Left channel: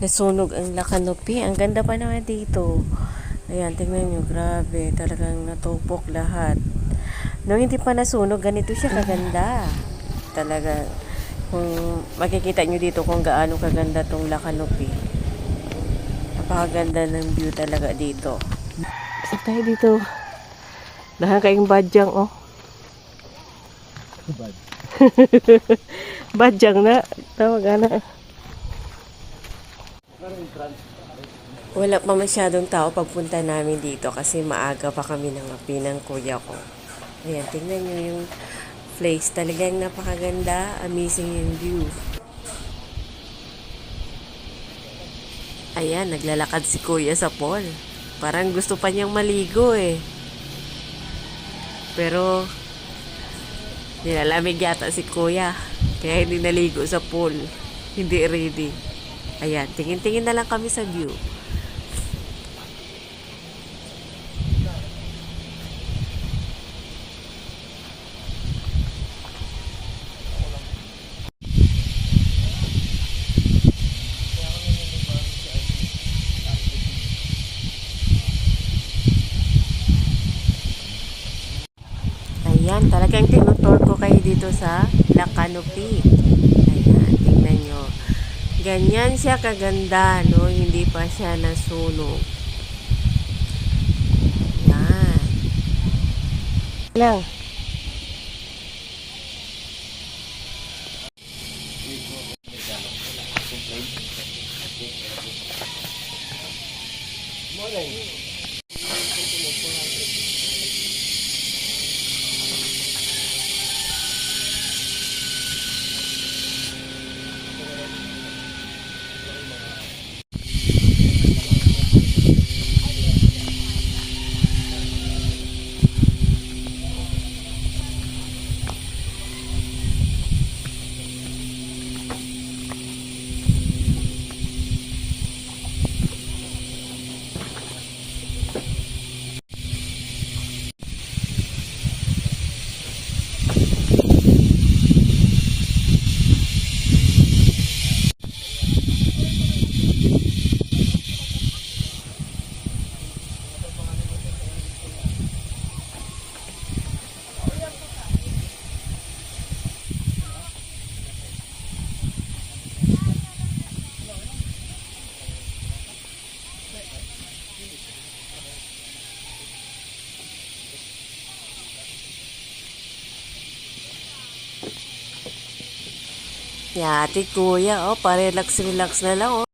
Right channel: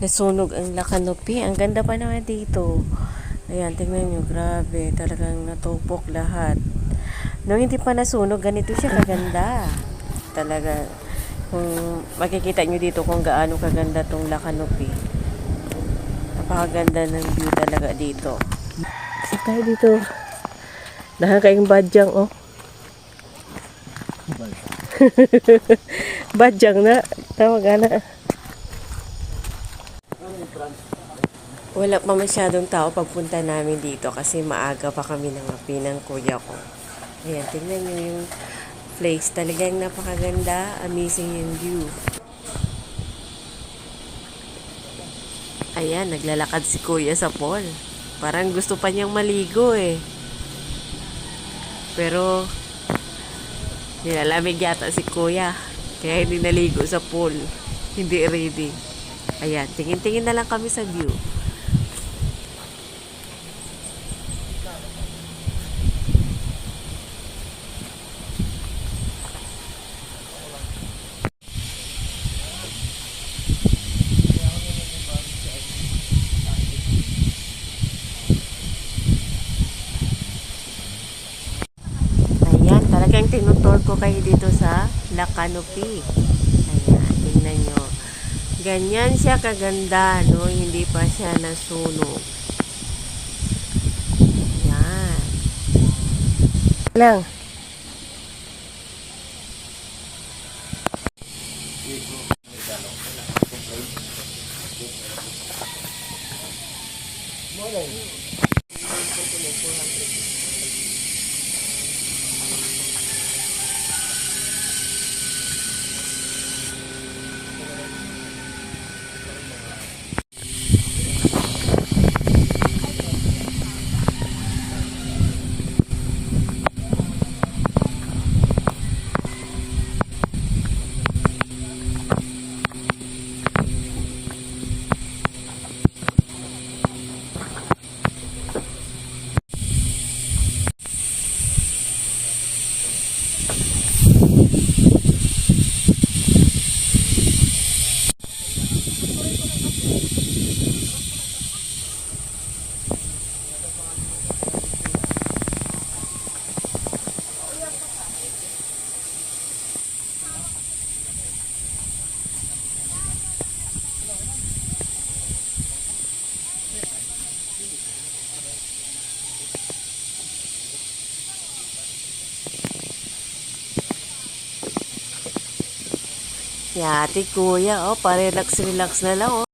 Nasunog ang Lacanopi. Ang ganda pa naman dito. Ayan, tingnan nyo. Grabe. Talagang natupok lahat. Nung hindi pa nasunog, ganito siya kaganda. Talaga. Kung makikita nyo dito kung gaano kaganda tong Lacanopi. Napakaganda ng view talaga dito. Kasi tayo dito. Nakakaing badyang, oh. Badyang na. Tawag na. Wala pa masyadong tao pagpunta namin dito kasi maaga pa kami nangapi ng kuya ko. Ayan, tingnan nyo yung place. Talagang napakaganda. Amazing yung view. Ayan, naglalakad si kuya sa pool. Parang gusto pa niyang maligo eh. Pero, nilalamig yata si kuya. Kaya hindi naligo sa pool. Hindi ready. Ayan, tingin-tingin na lang kami sa view. Ayan, talagang tinutur ko kayo dito sa Lacanopi. Ayan, tingnan nyo. Ganyan siya kaganda, no? Hindi pa siya nasunog. Ayan. Lang. Yati kuya, oh, pa-relax-relax na lang, oh.